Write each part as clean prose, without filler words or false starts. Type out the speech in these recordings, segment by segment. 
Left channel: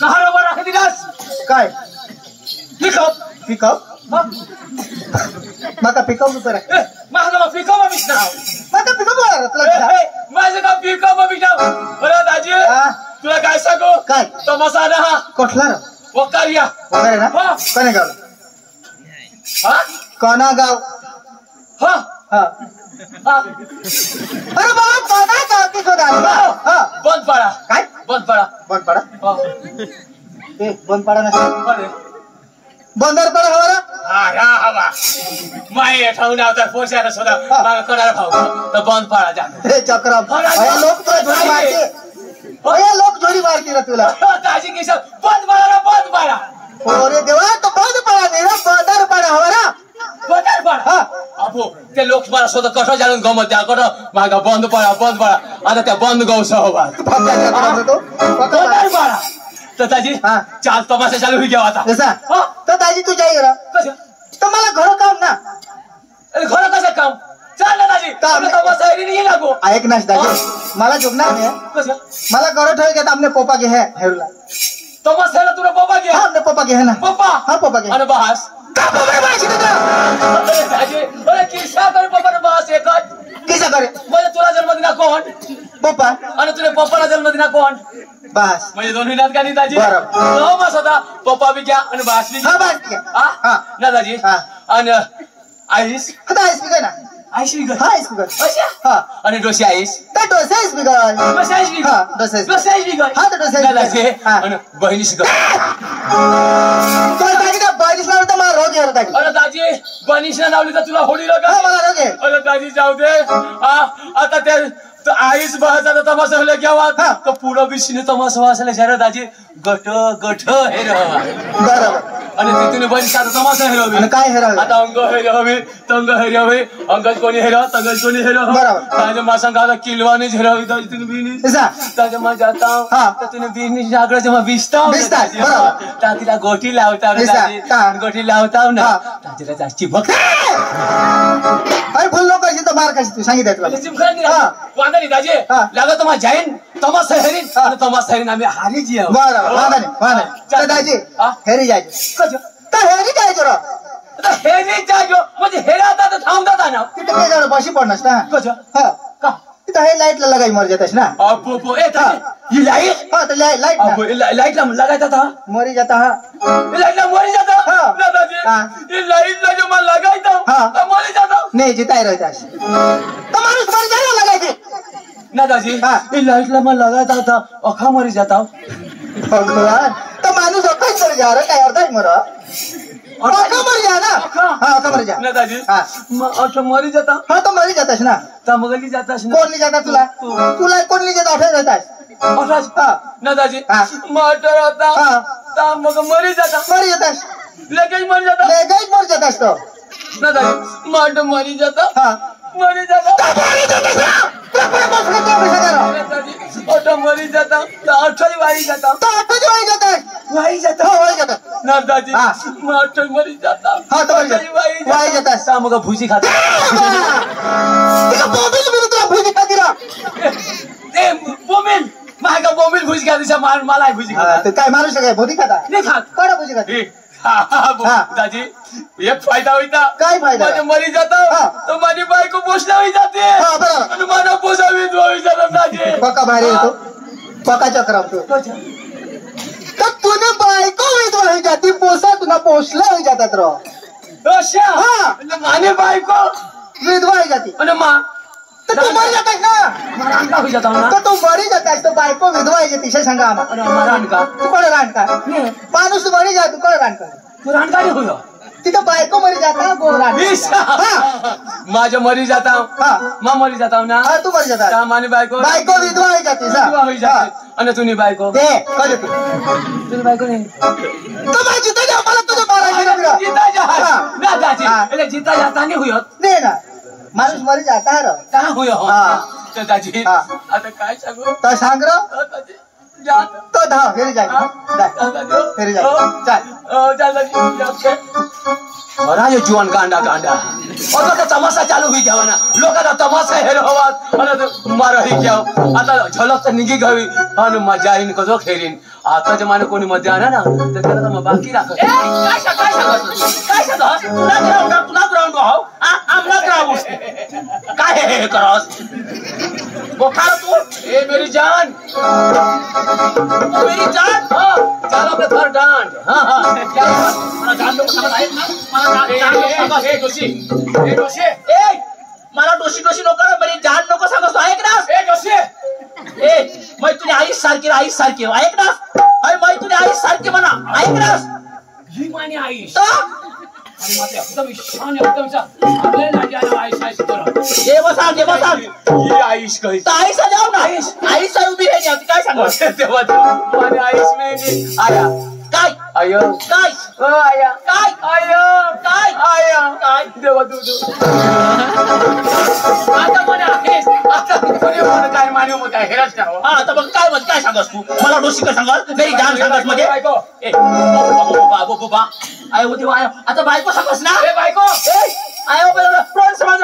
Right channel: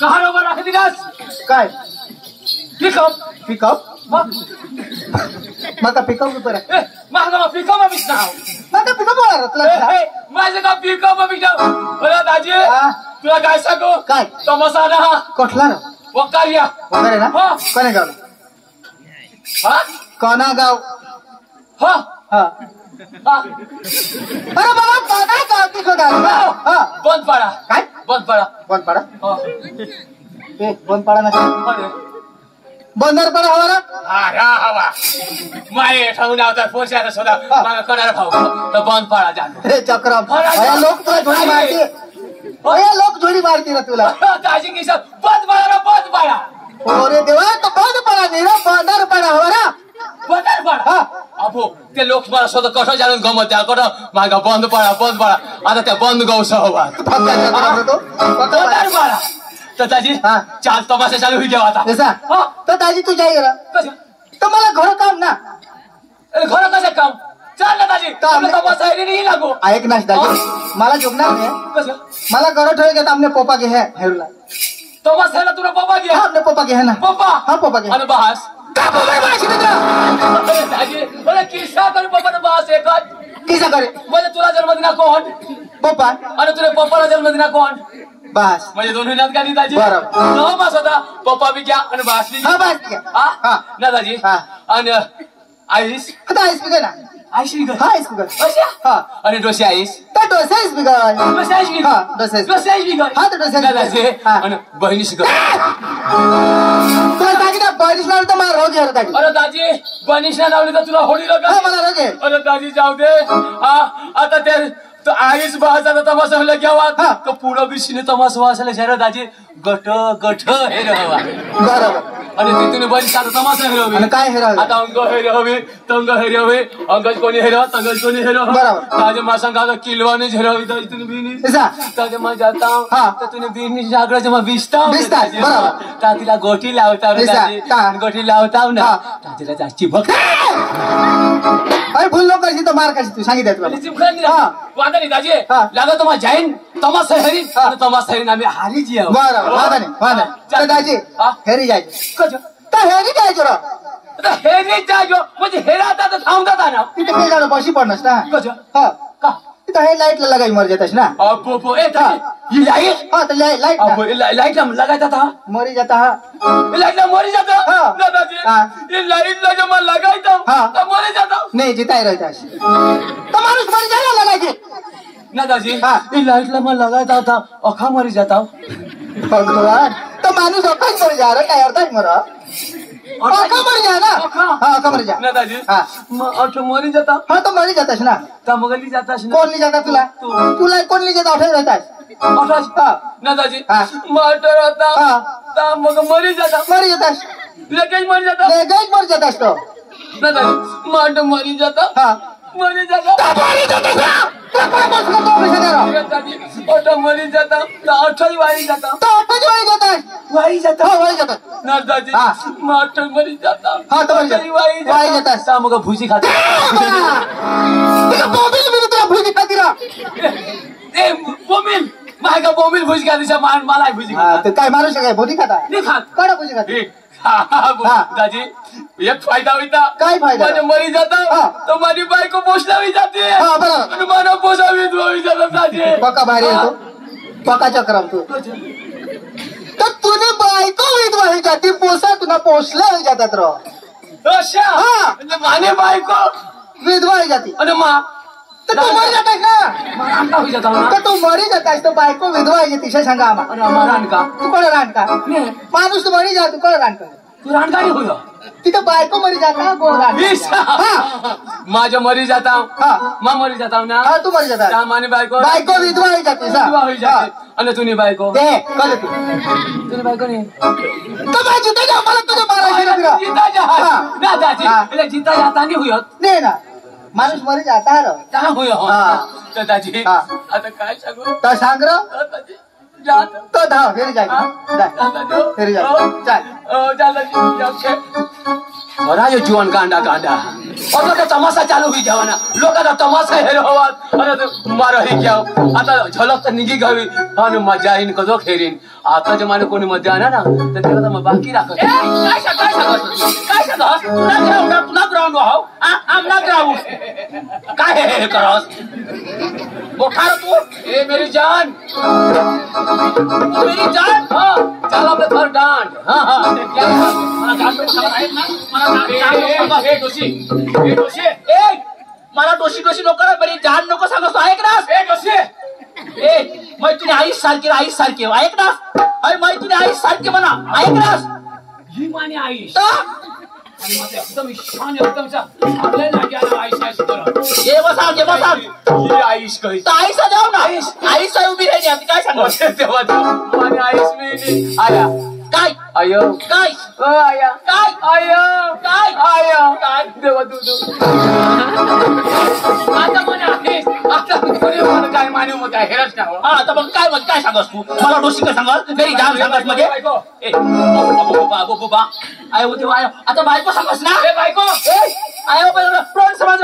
कहाँ रोबो राख दिलास काय पिकअप पिकअप मका पिकअप ऊपर माझा पिकअप मा बिछनाव मका पिकअप वाला तुला माझा का पिकअप मा बिछनाव अरे दाजी तुला काय सांगू काय तमाशा ना कसला ना वकारिया वगैरे ना कोणे गाव हा कोणा गाव हा हा अरे बाबा कोणा गाव ती सुद्धा हा बंद पडा काय बंद पडा बंद पडा हा ए बंद पडा ना अरे बंदर पडा हवा ना हा रा हवा माय ठाऊन आवता पोचायला सुद्धा मला करायला भाऊ तर बंद पडा जा हे चक्रम अरे लोक तुला झोडी मारते अरे लोक झोडी मारते ना तुला दाजी की सब बंद पडा अरे देवा तो बंद पडा नाही ना बंदर पडा हवा ना बंदर पडा अबो ते लोक मला सुद्धा कसं जाणून गमत त्या कोण मागा बंद पडा आता त्या बंद गौस हवा बंदर पडा तर दाजी चाल तमाशा चालू हुई गया आता ऐसा तो दाजी तू जाई रा तो मला घर काम ना अरे घर कसं काम चाल ना दाजी तमाशा नाही लागो ऐक ना दाजी मला झोपणार नाही कसं मला घर ठेव घेता आपने पोपा घे है हेरुला तमाशाला तुला पप्पा घे आपने पोपा घे है ना पप्पा हा पोपा घे आणि बहास अरे दाजी अरे किस्सा कर पप्पा ने बहास एक किसा करे म्हणजे तुला जन्मदिना कोण पोपा आणि तुझ्या पप्पाला जन्मदिना कोण बस म्हणजे दोन्ही नात गाणी दाजी मास होता पप्पा बी घ्या आणि बहास बी हा बस हा ना दाजी आणि आईस आता आईस बिगर ना आईस बी हा आईस बिगर अच्छा हा आणि डोसी आईस तो डोसा आईस बिगर डोसी आईस बी हा डोसा आईस बी हा तो डोसा दाजी आणि बहिणीशी कर तुला दाजी बहिणीला तर मला रोग यायला दाजी अरे दाजी बहिणीशी लावली तर तुला होडी का मला रोग आहे अरे दाजी जाऊ दे आता त्या आईस बहाचा तमाशा होला घ्यावा तर पुढं बिशीने तमाशा वाचायला जरा दाजी गट हे रहा बरोबर आणि तिथून बरी साधा तमाशा हेरवी काय हेरावे आता अंग हेरवी तंग हेरवी अंगज कोणी हेरा तंगज कोणी हेरा ताजे मासा गादा किलवाने हेरवी दाजी तुने बीनी ताजे मैं जाता हूं तो तूने बीनी जागरण जमा बिस्ता बरोबर ताजीला गोटी लावता रे दाजी गोटी लावता ना ताजीला जास्ती भक्त अरे भूल नको करशी तो मार करशी तू सांगितलं तुला चिमखानी वादा नाही दाजी लागा तुम्हा जाईन तमाशा हेरी आणि तमाशा हेरीन आम्ही हारी जी आहोत बरोबर वादा नाही दाजी हेरी जायचं तर हेरी जायचं रा आता हेरी जायचो म्हणजे हेराता तर थांबता ना तिथे काय झालं बशी पडणार ना कसं का तिथं हे लाईट ला लगाई मर जातस ना अबो ए ही लाईट हा तर लाईट अबो लाईट ला लगायचा था मरी जाता हा लाईट ला मरी जाता ना दादी ये लाईट ला जो मैं लगायता तो मरी जाता नहीं जिताई रहतास तो माणूस मर जाना लगायचे ना दादी ये लाईट ला मैं लगायता था अखा मरी जाता भगवान तो माणूस अखा मर जा रहा काय अर्थ मरा अखा मर जा ना हां अखा मर जा ना दादी मैं अखा मरी जाता हां तो मरी जातास ना तमगली जातास ना कोण ली जाता तुला कोण ली जाता अठे रहतास अठास ना दादी मैं अठे रहता तमग मरी जातास लगेच मरी जातास तो ना दादी मैं अठे मरी जाता मरी जाता ऑटो मरी जाता ऑटो वाई जाता वाई जाता ना दादी मैं ऑटो मरी जाता वाई जाता मग भुजी खाता भुजी खाती रा ए बोमिल माझा बोमिल भुजी खातीचा मला भुजी खाता काय माणूस काय भुजी खाता नाही खात कोणा भुजी खाते दादी एक फायदा होता काय फायदा माझे मरी जाता तो माझी बायको पोषणावी जाते आणि मला पोषावी धुवावी जातात दादी पक्का भारी येतो पक्का चक्र तर तुझी बायको विधवा जाती पोसा तुला पोषला जातात रो अच्छा म्हणजे माने बायको विधवा जाती आणि मा तर तू मरी जातास ना तर तू मरी जातास तो बायको विधवा तिशा सांगा आम्हाला तू कोण रानका माणूस तू मरी जा तू कोण रानका तू रानकारी होय तिथं बायको मरी जाता माझ्या मरी जाता मा मरी जाता ना तू मरी जाता माने बायको विधवा जाती आणि तुझी बायको तुझी बायको नाही तो माझी जिता मला तुझ्या बारा जिता जा ना दाजी जिता जाता नाही होय नाही ना माणूस मरी जाता रा होय तर दाजी आता काय सांगू तर सांग रो तो धाव फिर जाए फिर जाए चल बड़ा ये जुआन गांडा आता तो तमाशा चालू होई घ्यावा ना लोकांना तमाशा हेरो आवाज आणि मार हे घ्याव आता झलक तर निघी घ्यावी आणि मजा येईन कजो खेरीन आता जे माने कोणी मध्ये आणा ना तर त्याला तर मग बाकी राखत काय सांगस तुला ग्राउंड हो आमला ग्राउंड काय हे करस बोखार तू ए मेरी जान हाँ चल अपने घर डांड हाँ हाँ क्या मला जान लोक सांगत आहेत ना मला जान लोक सांगत हे दोषी ए मला दोषी लोकांना बरी जान नको सांगत ऐक ना ए दोषी ए मै तुने आई सारखी ऐक ना अरे मै तुने आई सारखी म्हणा ऐक ना ही माने आई आणि माझे एकदम शान एकदम सा आपल्या नागे आईश करा ये बसा ही आईश कही तर आईश जाऊ ना आईश उभी राहिली आता काय सांगू तेव्हा माने आईश मी आया काय आयो काय आया काय आयो काय आया काय देवा तू आता म्हणे आहेस आता कोणी म्हणे काय माने मग काय हेरच ना हा आता मग काय म्हणजे काय सांगस तू मला दोषी काय सांगस नाही जान सांगस मध्ये ए बाबा आयो देवा आयो आता बायको सांगस ना ए बायको ए आयो पण टोन समाज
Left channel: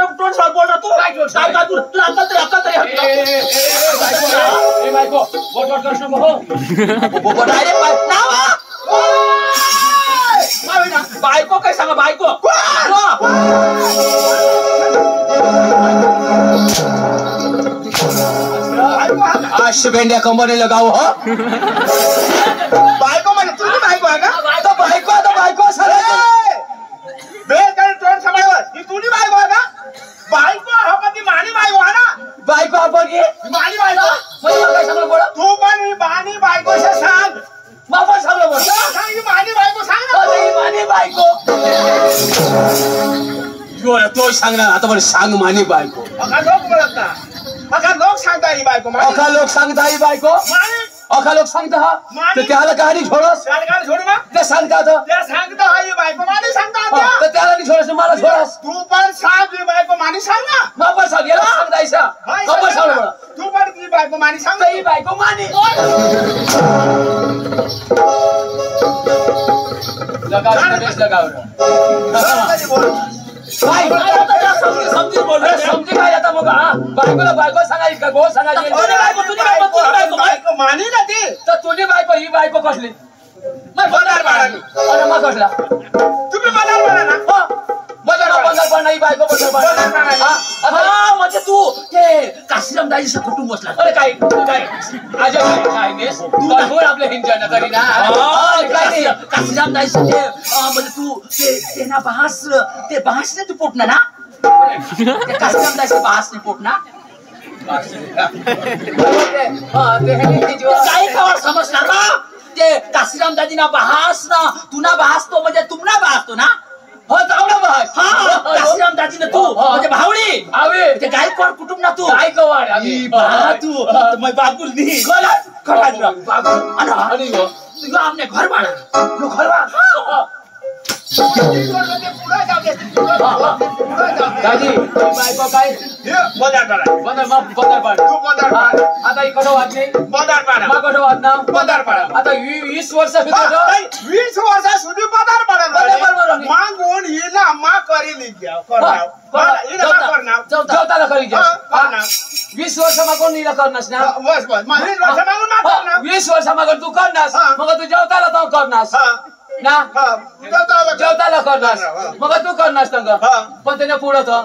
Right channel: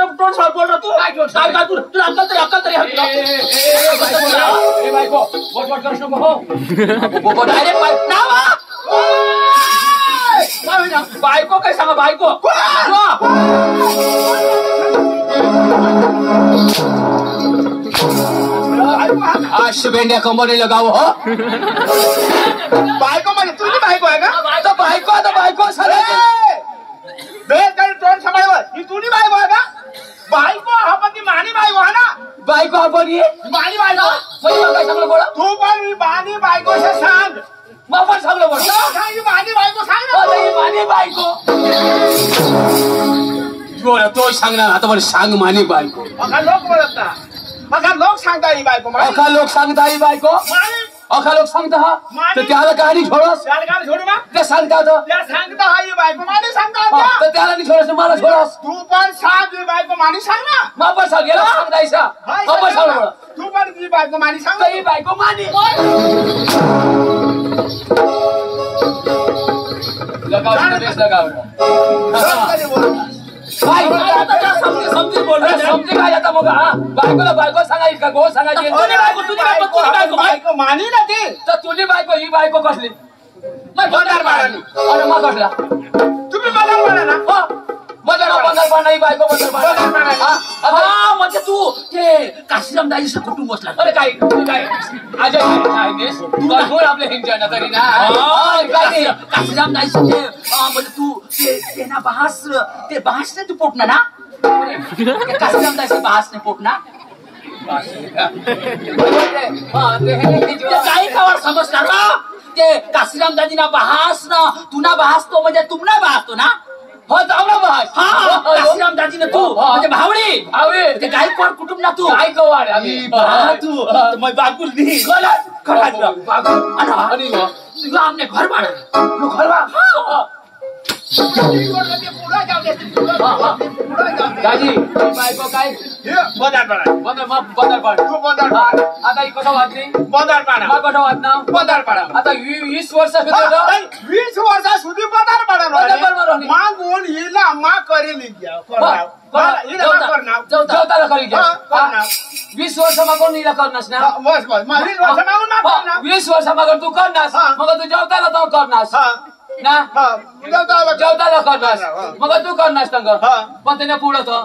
बोल रहा तू काय तू तुला अक्कल तरी ए बायको वट करस नको हो डायरेक्ट नावा बायको काय सांगा बायको बेंड्या कंबरने लगाओ हो बायको म्हणजे तुझी बायको आहे का आता बायको सर तोंड सांभाळवर ही तुझी बायको आहे का बायको हा पण ती मानी बायको आहे ना बायको आपण मानी बायको काय सांगलं बोला तू पण मानी बायको सांग वापर सांगलं बोल मानी बायको सांग ना मानी बायको तो सांगणार आता बरं सांग मानी बायको अका लोक बोलत ना अका लोक सांगता ही बायको अका लोक सांगता ही बायको अका लोक सांगता हा तर त्याला कहाणी छोडस छोडू ना ते सांगता सांगता ही बायको मानी सांगता तर त्याला नाही छोडस मला छोडस तू पण सांग ही बायको मानी सांग ना वापर सांग याला सांगतायसा वापर सांग तू पण ही बायको मानी सांग ही बायको मानी लगाओ समजी बोल समजी काय आता मग बायको सांगायची का गो सांगायची बायको मानी ना ती तर तुझी बायको ही बायको कसली मग बंदार बाळानी अरे मग कसला तुम्ही बंदार बाळा ना हो बंदार बाळा ही बायको बंदार बाळा हा म्हणजे तू ते काशीराम दाजीचं कुटुंब बसला अरे काय आज काय तू बोल आपल्या हिंजाना तरी ना काय काशीराम दाजीचं ते म्हणजे तू ते ना ते बहास ना तू पोटना ना काशीराम दाजीचं बहास ने पोटना काही खबर समजणार का ते काशीराम दाजीना बहास ना तुना बहास तो म्हणजे तुमना बहास तो ना हो जावडा बहास हा काशीराम दाजीने तू म्हणजे भावडी ते गायकवाड कुटुंब ना तू गायकवाड तू मैं बाकुल दी बाकुल आणि तू आपने घर बाळा तू घर बाळा दाजी बायको काय बंदार पाडा आता इकडं वाजली बंदार पाडा मग कठं वाजना बंदार पाडा आता 20 वर्ष 20 वर्षासुधी बंदार पाडा मागून हिला मा करी घ्या जेवताला करी घ्या 20 वर्ष मागून हिला करणास ना 20 वर्ष मागून तू करणास मग तू जेवताला तो करणास ना जेवताला करणास मग तू करणास तंग पण त्याने पुढं तो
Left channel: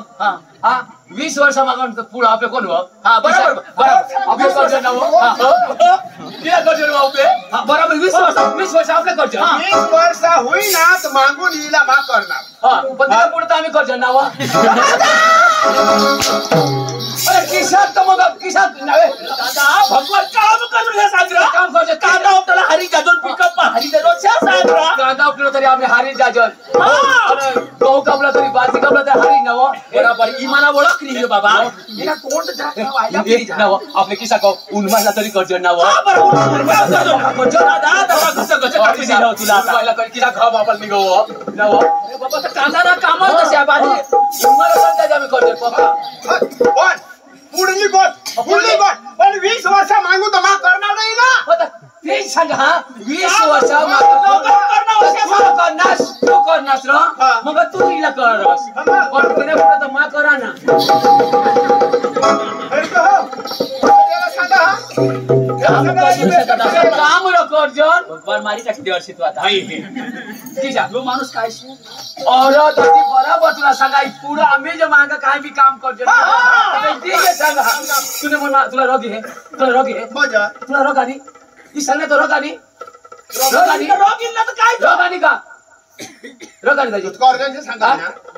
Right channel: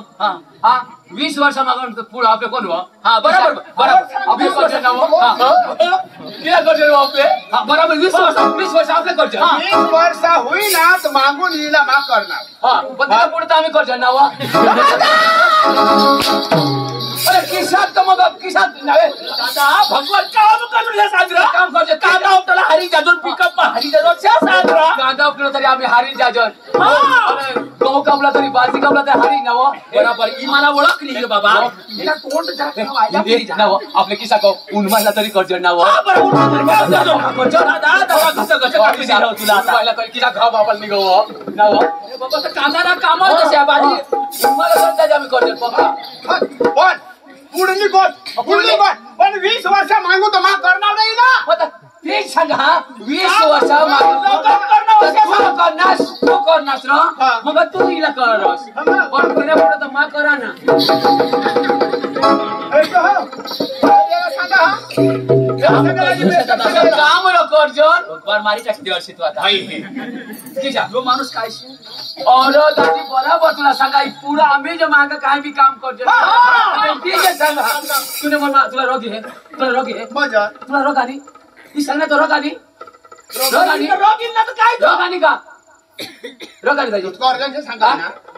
हा 20 वर्ष मागून पुढं आपले कोण हा बरोबर आपले कर्ज नाव किती कर्ज आपले हा बरोबर 20 वर्ष आपले कर्ज 20 वर्ष होईना तर मागून हिला माफ करणार हा पण त्याला पुढे आम्ही कर्ज नाव अरे किशात तर मग किशात नव्हे दादा भगवान काम करून हे सांगरा काम करते काम आपल्याला हरी जाजून पिकअप हरी जाजून सांगरा कांदा आपल्याला तरी आम्ही हरी जाजून अरे गहू कापला तरी बाजी कापला तरी हरी नव बरोबर इमाना ओळख नाही बाबा हिला तोंड नव आपले किसा को उन्माला तरी कर्ज नव कर्ज दादा दादा कसं काढली जाव तुला पहिला कर किसा घाव बापाला निघव नव बाबा तर कांदा ना काम तशा बाजी उन्माला तर आम्ही कर्ज बाबा पण पुढली गोट पण 20 वर्ष मागू तर मा करणार नाही ना ते सांगा 20 वर्ष तू करणास र मग तू हिला करस पण तिला पुढे तर मा करा ना काम अर्जुन मारी टाकी देवाशी तू आता लो माणूस काय बराबर तुला सांगा पुढं आम्ही जे माग काय बी काम करतो ठीक आहे सांगा तुला म्हणा तुला रोग आहे तुला रोग आणि ती सांग ना तो रोग आणि का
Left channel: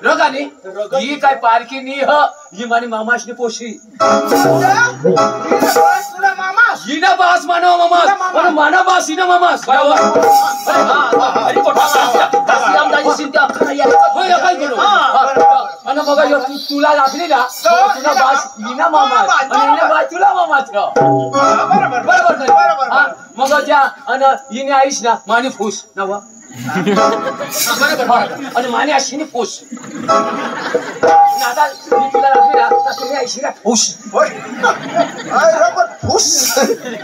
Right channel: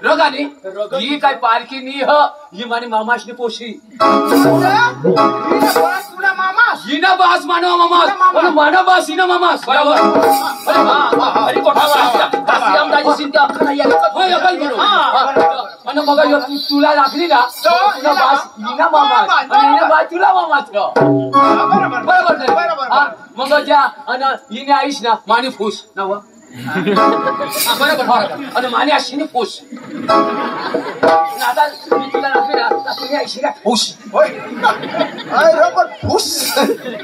रोगानी ही काय पारखी नी हो ही मानी मामाशनी पोशी ही ना बास मानव मामास पण मानव बास ही ना मामास बरोबर अरे कोठा चिंता आणि मग तुला लागली ना तुला बास ही ना मामास आणि हिना बास तुला मामास बरोबर मग ज्या आणि हिने आईश ना मानी फूस ना बरोबर आणि माने अशी फूस आता तुला लागली ना तुम्ही ऐशी फूस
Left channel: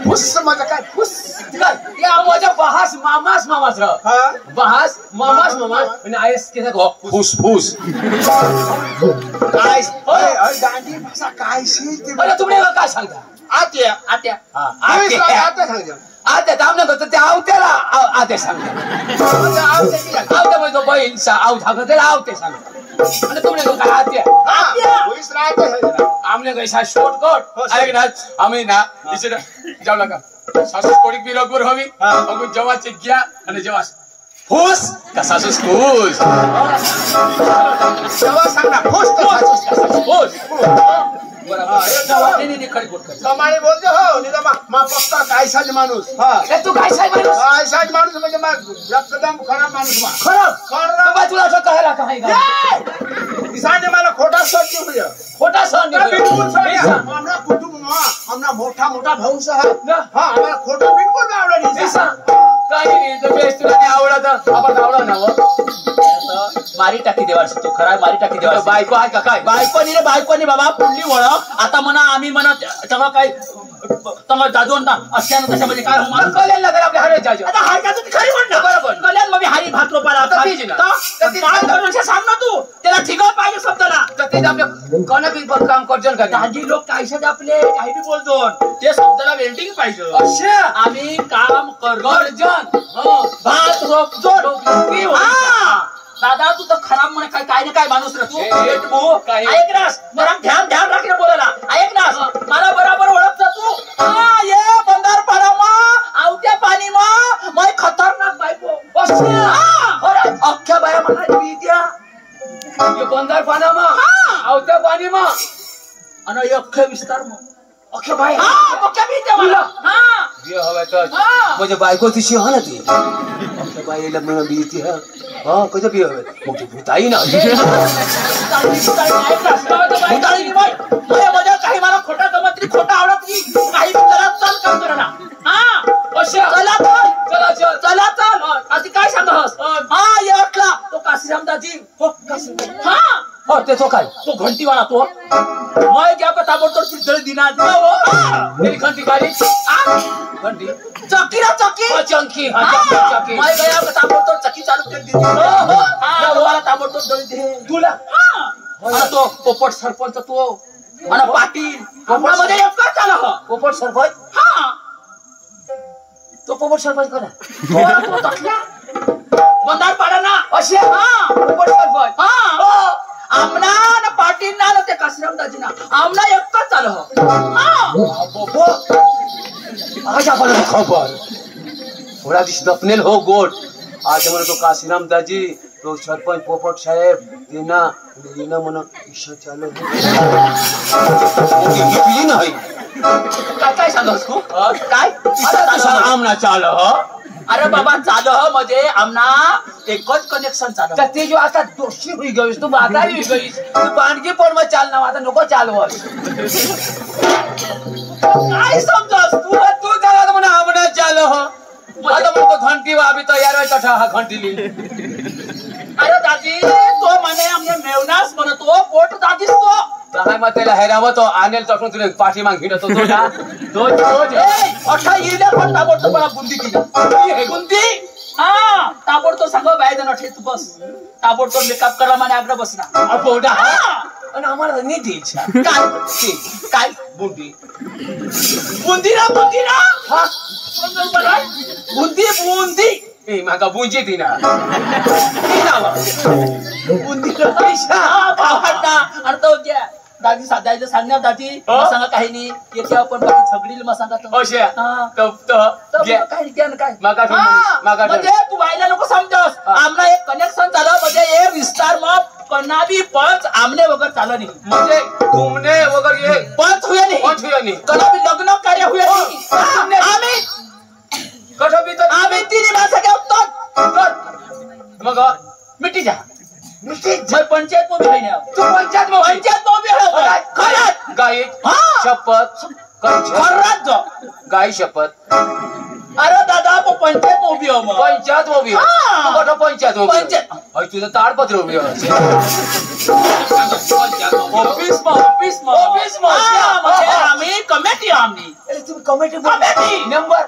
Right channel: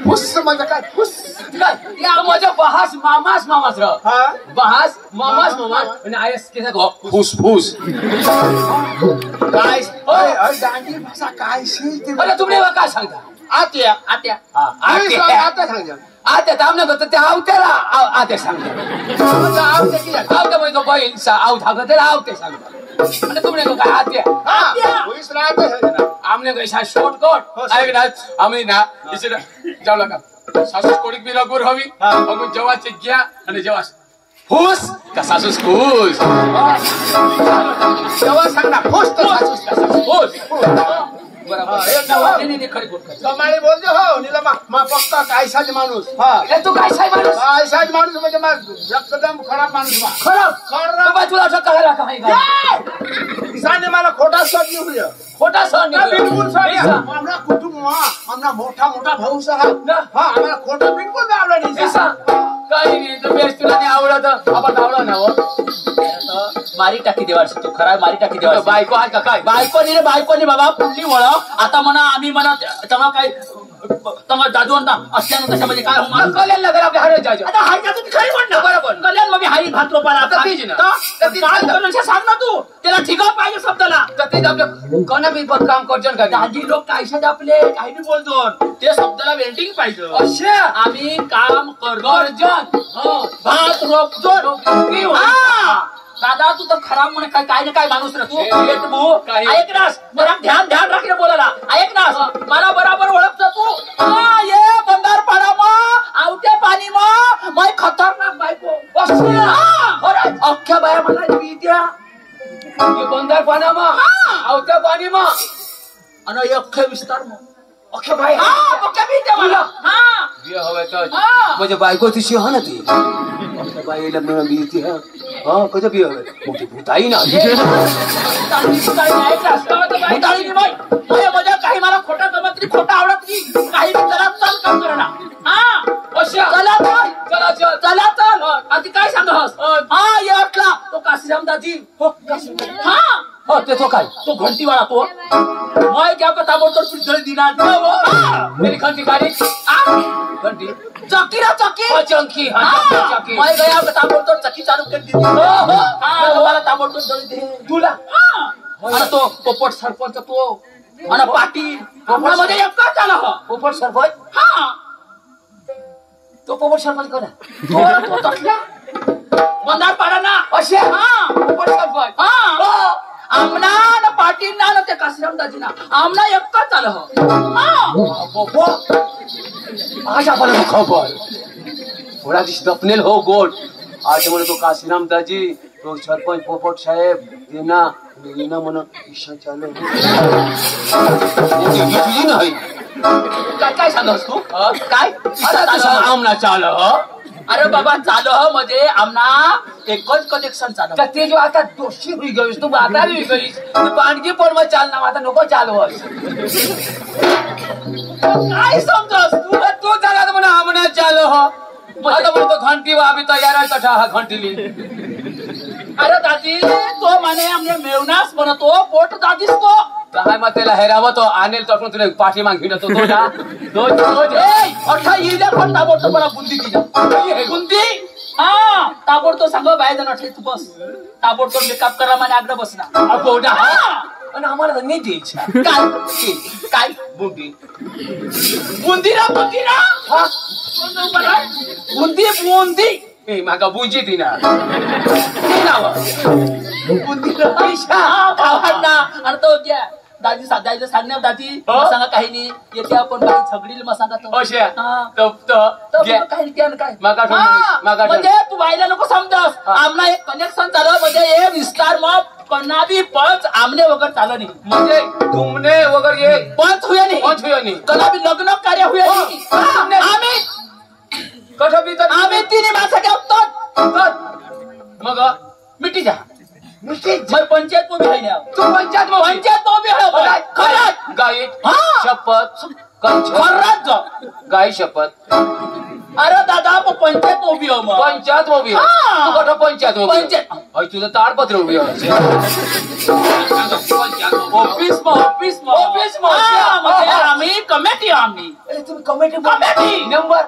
फुस म्हणजे काय फुस या माझ्या बहास मामास र बहास मामास आणि आयस केसा गो फूस काय दांडी भाषा काय अरे तुम्ही काय सांगता आत्या आत्या थांबणे करतो ते आवत्याला आत्या सांगता आवत्या म्हणजे बैल आव धागत त्याला आवते सांगता आणि तुम्ही काय आत्या आमने कैसा शॉर्टकट ऐक ना आम्ही ना इथे जाऊ नका सासूस कोडीक बी लगूर हवी अगून जेवाचे घ्या आणि जेवा फूस का सासूस फूस जेव्हा सांग ना फुस कमाळी बोलतो हो निला मा पक्का कायसाच माणूस तू कायसाच माणूस म्हणजे एकदम खराब माणूस खराब तुला असं कळायला काय किसाने मला खोटा सण निघूया खोटा सण आमना कुटुंब आमना मोठा भाऊ साहेब आम्हाला खोटा बिलकुल आवडला नाही काही नाही तर बेस्ट तुला नाही आवडत आपण आवडा ना मारी टाकी देवाची तू खरा मारी टाकी देवा बायको आहे का काय बायको नाही बाबा पुढली वळख आता म्हणा आम्ही म्हणा तेव्हा काय तेव्हा जादू असल्यानं त्याच्यामध्ये काय कल्याण नगर आपल्या हरे जायचं आता हारच्या तुम्ही खरी म्हण ना बरोबर कल्याण मग हारी भात रोपाला सांग ना तू त्याला ठिकाण पाहिजे शब्दाला ते आपल्या कोणा बी काम करजन का दाजी लोक कायशात आपले काही बी बोलतो ते शब्दाला वेल्डिंग पाहिजे असे आम्ही काम करजन भात रोपतो दादा तू तर खराब म्हणे काय ना काय माणूस रे तू ऐक नास मला ध्यान राखीने बोलायला ऐक नास मला बरोबर ओळखता तू ये बंदार पाडा आवत्या पाणी मै खतरनाक बायको अख्ख्या बाया मला द्या बंदार पाना आवत्या पाणी आणि अख्खे विस्तार अख्खे बाय म्हणजे बायको तिशी हा ना ती अख्ख्या बाईला म्हणून बीती हा कसं बी हवे मोठी भूताई ना काही मला खोटा जमत खोटा आवडत नाही काही चल काम करा ना चला चल आधी काय सांगस हा येतला तो काशीराम दाजी हो ते तो काय तो घंटीवाला तो मैं क्या का ताबडतोब पिंजळे दिना मेरी घंटी गाडी घंटी चक्की चंकी मैं गया का ताबडतोब चक्की चालू कर दी मला ताबडतोब दळी दे तुला तो पोपट सरपंच तो आणि पाटील मध्ये एकच झाला पोपट सरपंच तो पोपट सरपंच करा मंदार पाडा ना असे पोपट सरपंच आमना ना पाटील ना ते काशीराम दाजी ना आमना एकच झालं आज आपण खबर थोड़ा दिस दफनेल हो गोड आज म्हणतो काशीराम दाजी तो सरपंच पोपट साहेब येना म्हणून इच्छा चालू तुझी नाही काय सांगस तू काय आमना चाल अरे बाबा चाल मध्ये आमना एकच कनेक्शन चालू ते जो आता दोषी होई गईस तू बागारी होई गईस तू बांडगी पण मग चालना आता नको चालवस काय समजस तू त्याला म्हणा आमना चाल आता म्हणतो घंटी वाबी तयार आहे हा घंटी ली अरे दादी तो म्हणे आमने मेवनास म्हणतो पोट दादीस तो काय मग त्याला हेरावं तो आणेल तसं तुला पाठी माग घेऊन येतो तो अठा येईल पण ताबडतोब मला बुंदी दिली बुंदी हा ताबडतोब सगळं बाहेर जाणार तू बस ताबडतोब मेकअप करा आणि आग्रह बसणार बोडा आणि आम्हाला नाही द्यायची काय बुंदी बुंदी ना बुंदी बुंदी ए माका बुंजी दिना बुंदीला पैसा भावांना आणि तो द्या दादी दादी सांगणार दादी सांगा काही नाही येते आपण बाई झगडील मग सांगा काय म्हणजे तू बाईला नको समजस आमना एक कनेक्शन झालं म्हणजे हे विस्तार मग कनाबी पंच आमने वगैरे चालू नाही म्हणजे तुमने वगैरे ये पंच हुए नाही कनाबी लग्न कार्य हुए नाही आम्ही कसं बी तर आम्ही तिन्ही माणसं ठेवतो मग मिठी जा मैं पंचायत में भी है ना तू पंचायत में भी है खरंच गाय शपथ खरंच गाय शपथ अरे दादा पंचायत में भी हो मग पंचायत में भी हो तू पंचायत तुझं ताडपत्र उभी ऑफिस में म्हणजे आम्ही कमिटी आम्ही तुम्ही कमिटी मेंबर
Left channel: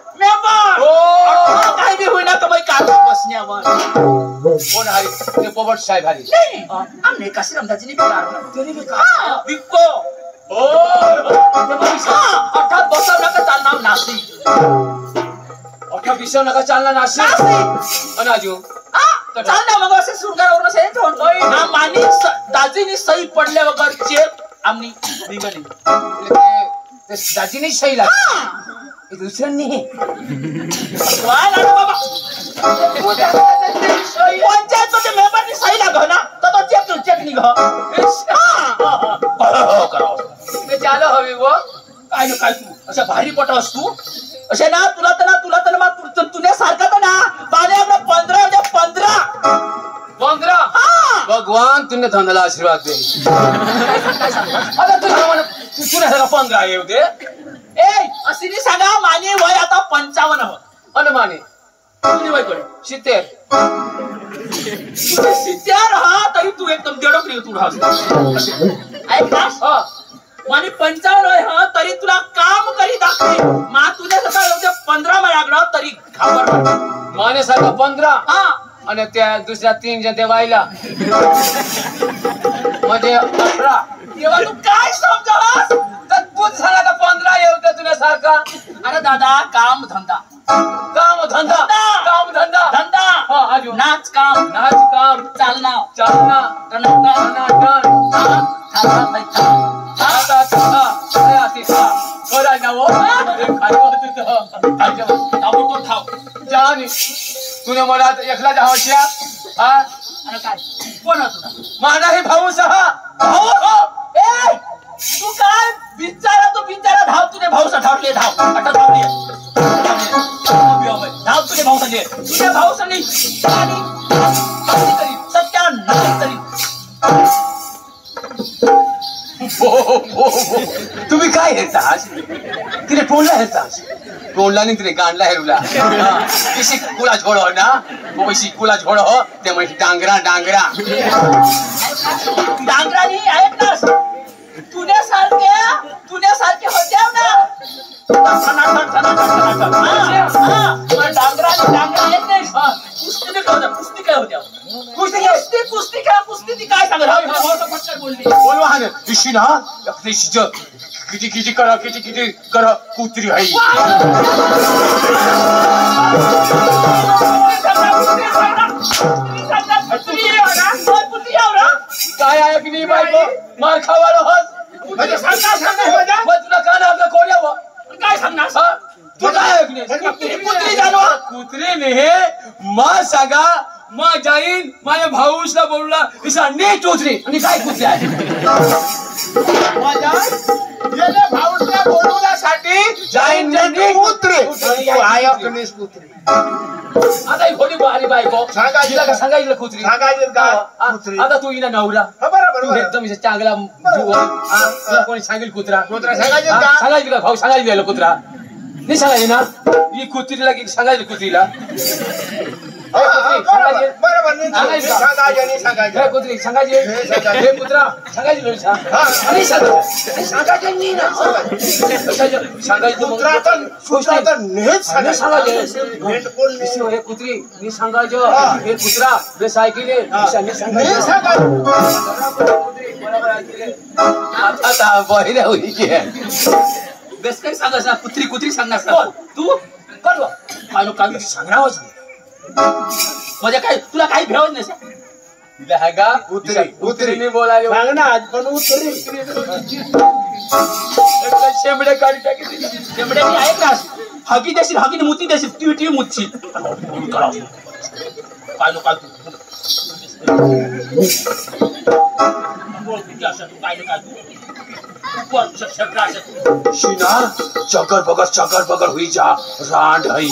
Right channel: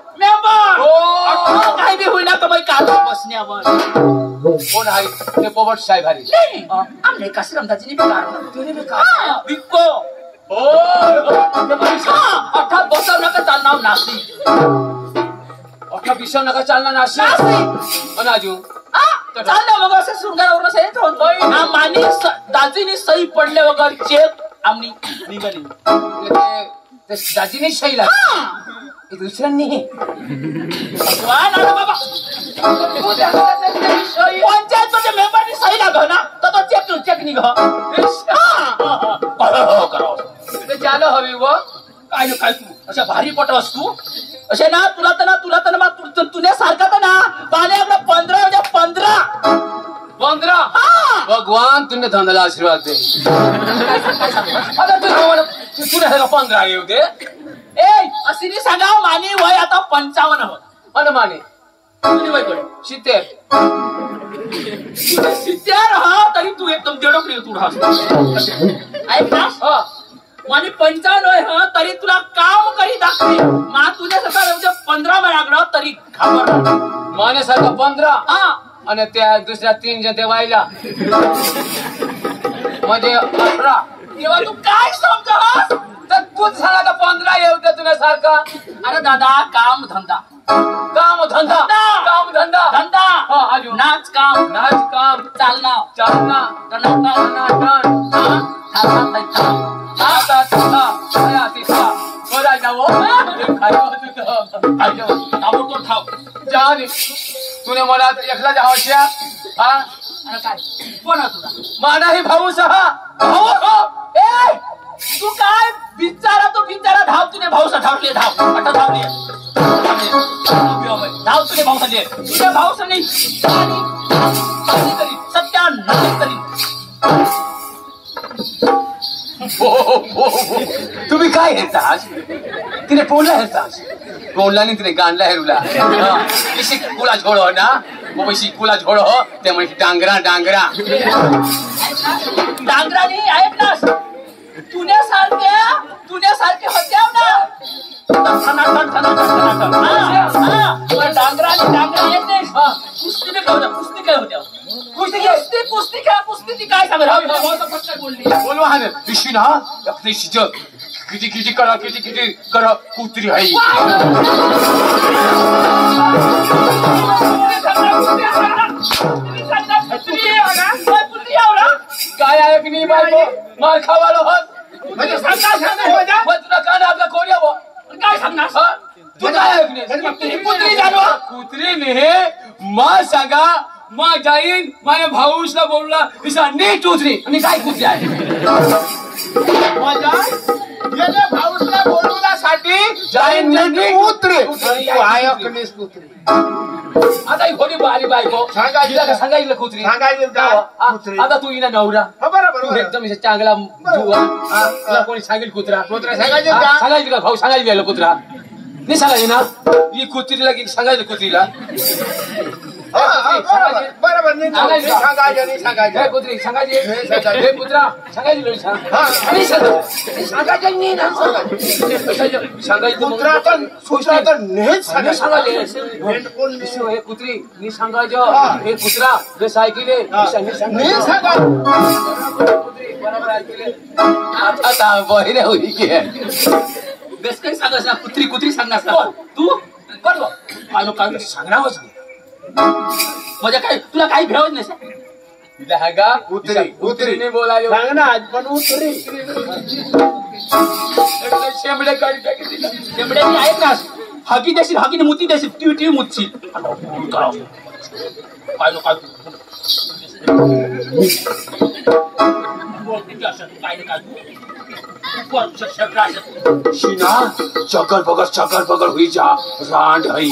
काही बी होईना तर मग काय बसण्यावर कोण आहे ते पोपट साहेब हरी आमने कशी रमदाजीने विको अर्थात बसव नका चालणार नाशिक अठा विसव नका चालणार नाशिक अनाजू चालना मग असं सुरगावरून सही ठेवून मानी दाजीनी सही पडले वगैरे चेक आम्ही निघाली दाजीने सही लागली दुसऱ्यांनी बाबा पंचायत मेंबरनी सही लागव ना तर तो चेक निघ चाल हवी व काय ना काय तू अशा भारी पट असतो अशा ना तुला तर तुझ्या सारखा तर ना पाण्या 15 भगवान तुने धंदाला आशीर्वाद दे आता तुला 15 येऊ दे ए अशी सांगा माने वय आता 55 हो अनुमाने तुझे वय कडे 70 हा तरी तू एकदम देडो प्रिय तू ऐक ना माने 55 हा तरी तुला काम करी दाखवे मा तुझ्या सकाळ एवढे 15 महिन्याकडे तरी घाबरणार माने सारखा 15 हा आणि त्या दुसऱ्या 3 जण ते व्हायला म्हणजे 18 तेव्हा तू काय समजस तर तूच झाला का 15 येऊ दे तुला सारखा अरे दादा काम धंदा धंदा आजू नाच काम चालना तुने मला एकला जावश्या हा अरे काय कोण तुला माना ही भाऊ सहा भाऊ ए तू काय बिचारा धाव तुने भाऊ धावले धाव आता धावली धाव तुने भाऊ संजय तुझ्या भाऊ संजय सत्या नाही तरी तुम्ही काय हेरतास तिने पोळला हेरतास पोळला नाही तिने गांडला हेरुला शिकुला झोडो ना वो शिकुला झोडो ते म्हणजे डांगरा डांगरानी ऐक ना तुझ्यासारखे होत्या ना कुस्ती काय होत्या कुस्ती काय सांगत बोलली बोलवा हा दिशी ना किती करा कुत्री आहे काय आहे की नाही बायको मार खावाला होत म्हणजे तुला कान आपला कोण यावं काय सांगणार तू काय कुत्री ने मा सांगा मा जाईन माझ्या भाऊसला बोलला तिचा नीट उतरी आणि काय कुत्री आहे भाऊला बोलवण्यासाठी जाईन कुत्री आता ही खोटी आली बायको सांगायला कुत्री आता तू इना नवरा तू एकदम चांगला तुला कोणी सांगेल कुत्रा सांगायची का भाऊ सांगायला कुत्रा नाही सांगायची ना ही कुत्रीला की सांगायचं कुत्रीला बरोबर नाही सांगायचं हे पुत्री सांगायची हे पुत्रा सांगायची नाही सांगायचं हे पुत्री मी सांगायचो हे पुत्रा हे सायकले बरोबर ऐकले आता बहिरे होई की बेस काही सांगायचं कुत्री कुत्री सांगणार तू कर काय सांगणारच नाही म्हणजे काय तुला काही भेवत नाही उतरी बोलाय सांग ना आज पण उतरी शेंबडे काढी टाकी दिला शेंबडे मी ऐक ना हगी देशील हगीने मुती देशील टी मुतशील काय नो काय शिना चकर पकड़ हुई जा रांड हई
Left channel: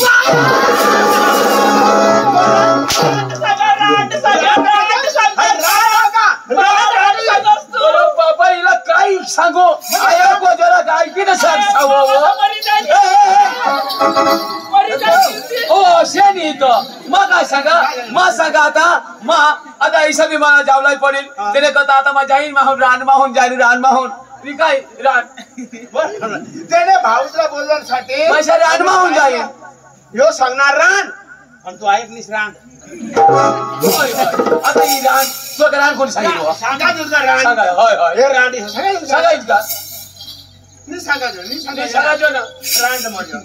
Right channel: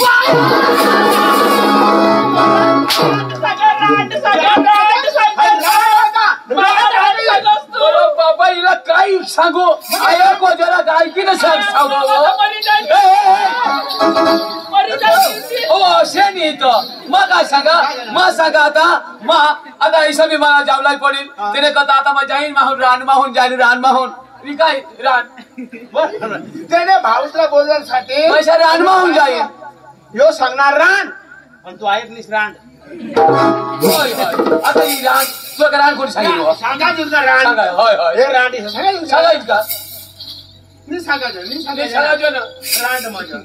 बाबा हिला काय सांगू आया को जरा काय की सांगू ओ शेनी तो मग काय सांगा आता ऐसा भी मला जावलाई पडेल तिने कथा आता मग जाईन माहून रान माहून काय रान त्याने भाऊसला बोलण्यासाठी माझ्या रान माहून जाईन ह्यो सांगणार रान पण तू ऐक नाहीस रान आता ही रान तुला रान कोण सांगितलं सांगायचं का रान होय हे रान सांगायचं का मी सांगायचं ना रान माझं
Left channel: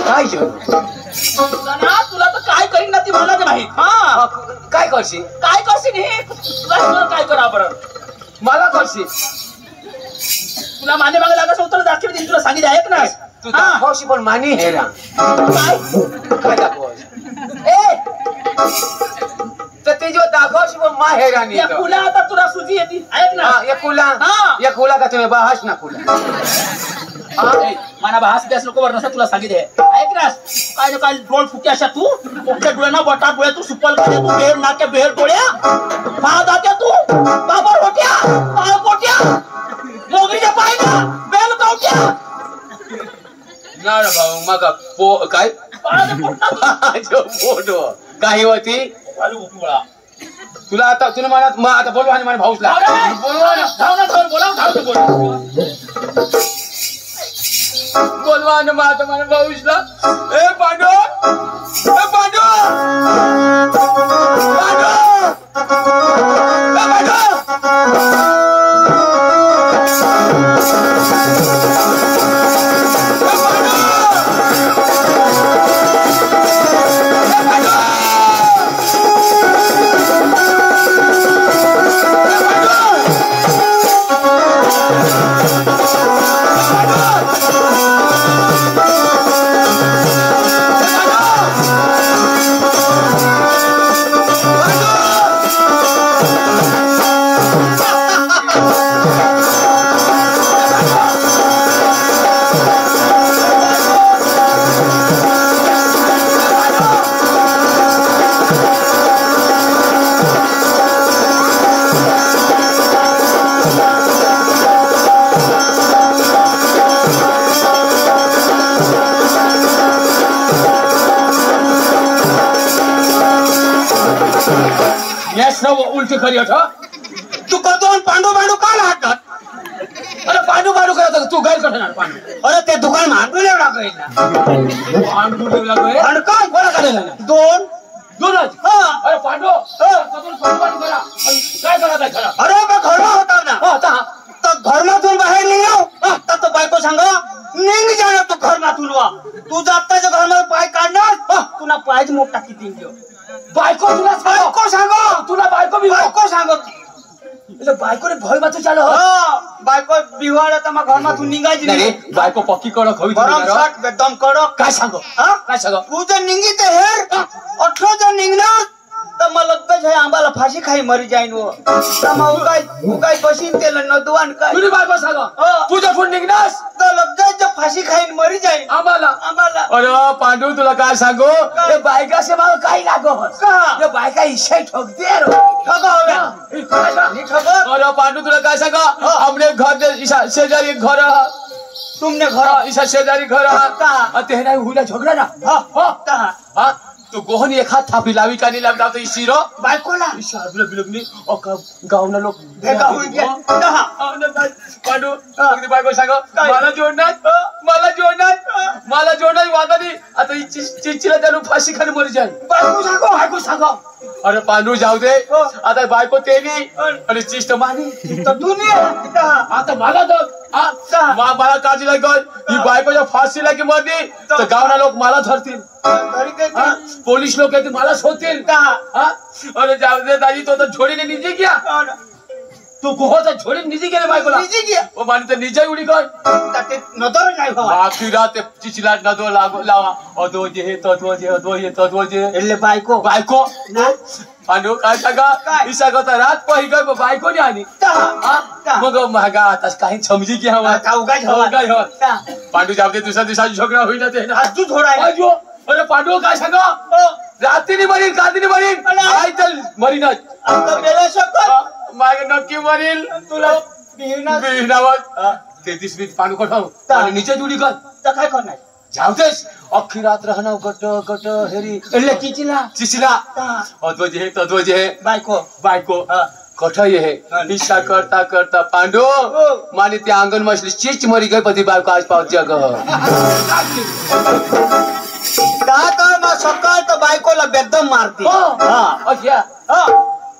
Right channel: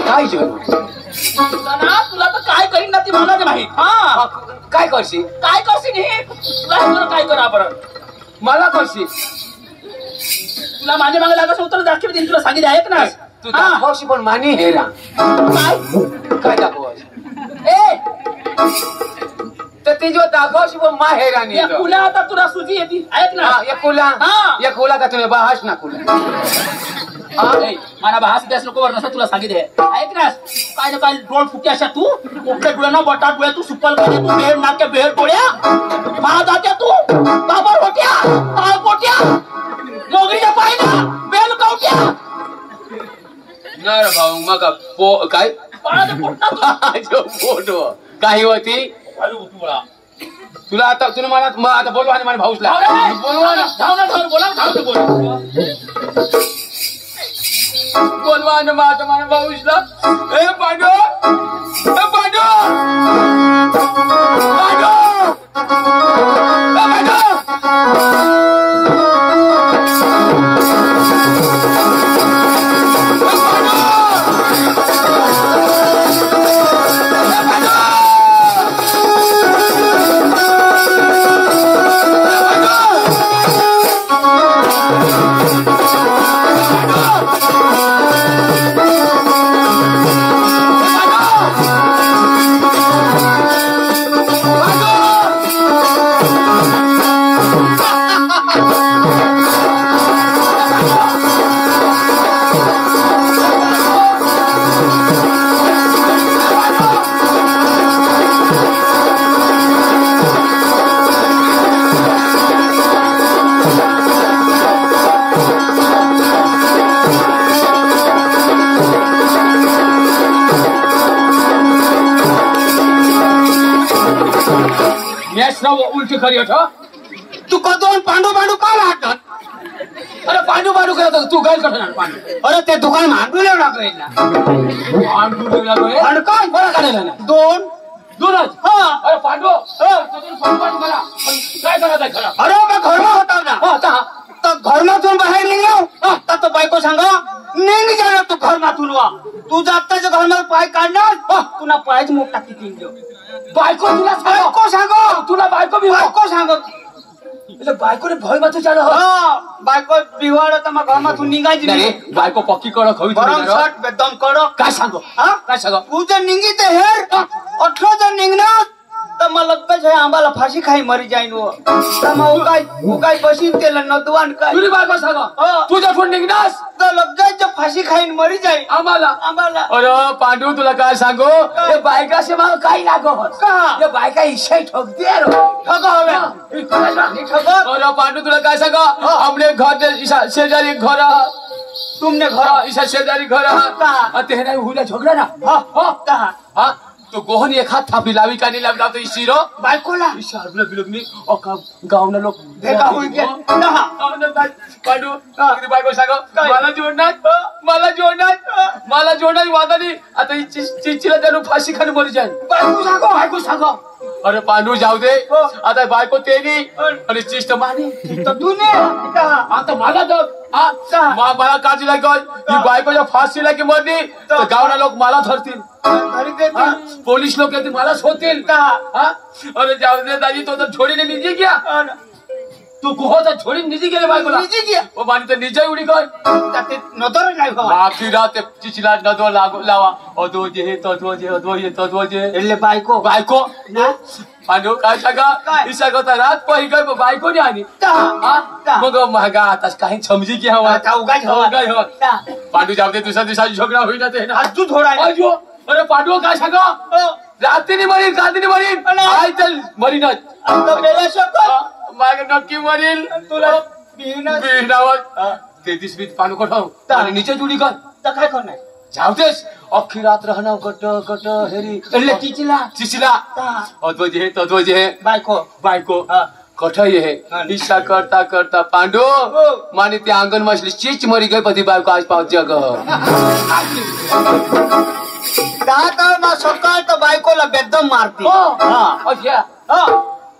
काय तुला तर काय करीन ना ती म्हणत नाही हा काय करशील हे तुला काय करा बरं मला करशील तुला माझ्या मागे लागायचं उत्तर दाखव देईन तुला सांगितलं ऐक ना तू दाखवशी पण मानी हे ना काय दाखवशी तर ते जो दाखवशी पण मा हे राणी या कुला आता तुला सुजी येते ऐक ना या कुला का तुम्ही बहास ना कुला मला भास द्यास नको वर नसा तुला सांगितले ऐक ना काय काय डोळ फुटे अशा तू कोकड्या डोळ्याना बटाट डोळ्या तू सुपल काय तू बेर नाक्या बेर डोळ्या पहा जात्या तू बाबर होट्या पाळ पोट्या मोगरीच्या पायला बेल कवट्या ना भाऊ मग काय फोटो काही होती तुला आता तुला मला आता बोलवा आणि मला भाऊसला बोलवा आणि माझा मला भाऊसला ए पांडू उलटी खरी तू कतो पांडू का लागतात अरे पांडू करत तू गैर करणार पांडू अरे ते दुकान भांडू लागलं काय बरं काढलेला ना दोनच अरे पांडू पांडू करा काय करत आहे खरा अरे मैं घरला होता ना तो घरमातून बाहेर निघाव आता तो बायको सांगा निघ जाणार तू घरमातून वा तू जाताच्या घरमात पाय काढणार तुला पायच मोठा किती बायको तुला बायको सांगत बायकोने भय मात्र चालू बायको बिवाड आता मग घरमातून निघायची नाही बायको पक्की कडक हवी एकदम कडक काय सांगू तू जर निघी ते हेर 18 जर निघणार तर मला लगेच आंबाला फाशी खाई मरी जाईन काय बसीन केलं नदवान काय तुझी बायको सांगा तुझ्या फुट निघणास तर लगेच फाशी खाईन मरी जाईन आम्हाला अरे पांडू तुला काय सांगू बायका से मला काही लागत बायका इशाई ठोकते अरे पांडू तुला काय सांगा आमने घर शेजारी घर तुमने घर इसा शेजारी घर ते नाही हुईला झगडा ना हा तो गोहनी एक हात थापी लावी का नाही लावला तो इशिरो बायकोला इशारला बिलगनी अका गावना लोक भेगा होई गे पाडू अगदी बायको सांग मला जोडणार वादानी आता चिचिला त्यानु फाशी खाली मरी जाईल बायको सांग अरे पांडू जाऊ दे आता बायको तेली आणि चिष्ट मानी तर तू ने आता मला तर मला काळजी लागल ही बायकोच्या फाशीला की मरली तर गावना लोक मला धरतील पोलीस लोक येतील मला शोधतील अरे जाऊ दे दादी तो तर छोडीने निजी गया तू गोहचा छोडी निजी गेले बायकोला निजी गया ओ मानी तर निजा उडी काय ते नदर नाही हो आखी रात चिचिला नदो लावा अदो जे तदो जे એટલે बायको पांडू काय सांगा इसा करता रात पाहि काय बायको नाही आली मग महागा आता काही समजी की हवा उगाय पांडू जाऊ दे दुसऱ्या दिवसाची झगडा होईना ते तू थोडा अरे पांडू काय सांगा रात्रीने मरीन काय तर मरीनच मागे नक्की मरील तुला बिहिणावर ते दिसवीत पांडू कठाव आणि निचे जुडी कर तर काय करणार जाऊ देस अख्खी रात राहणार कट हेरी એટલે चिचिला तत्वजे बायको कठ ये इच्छा करता पांडू माने ते आंगन मछली चीच मरी गई पति बायको आज पाव जग दादा सकाळ तर बायकोला बेदम मारती अच्छा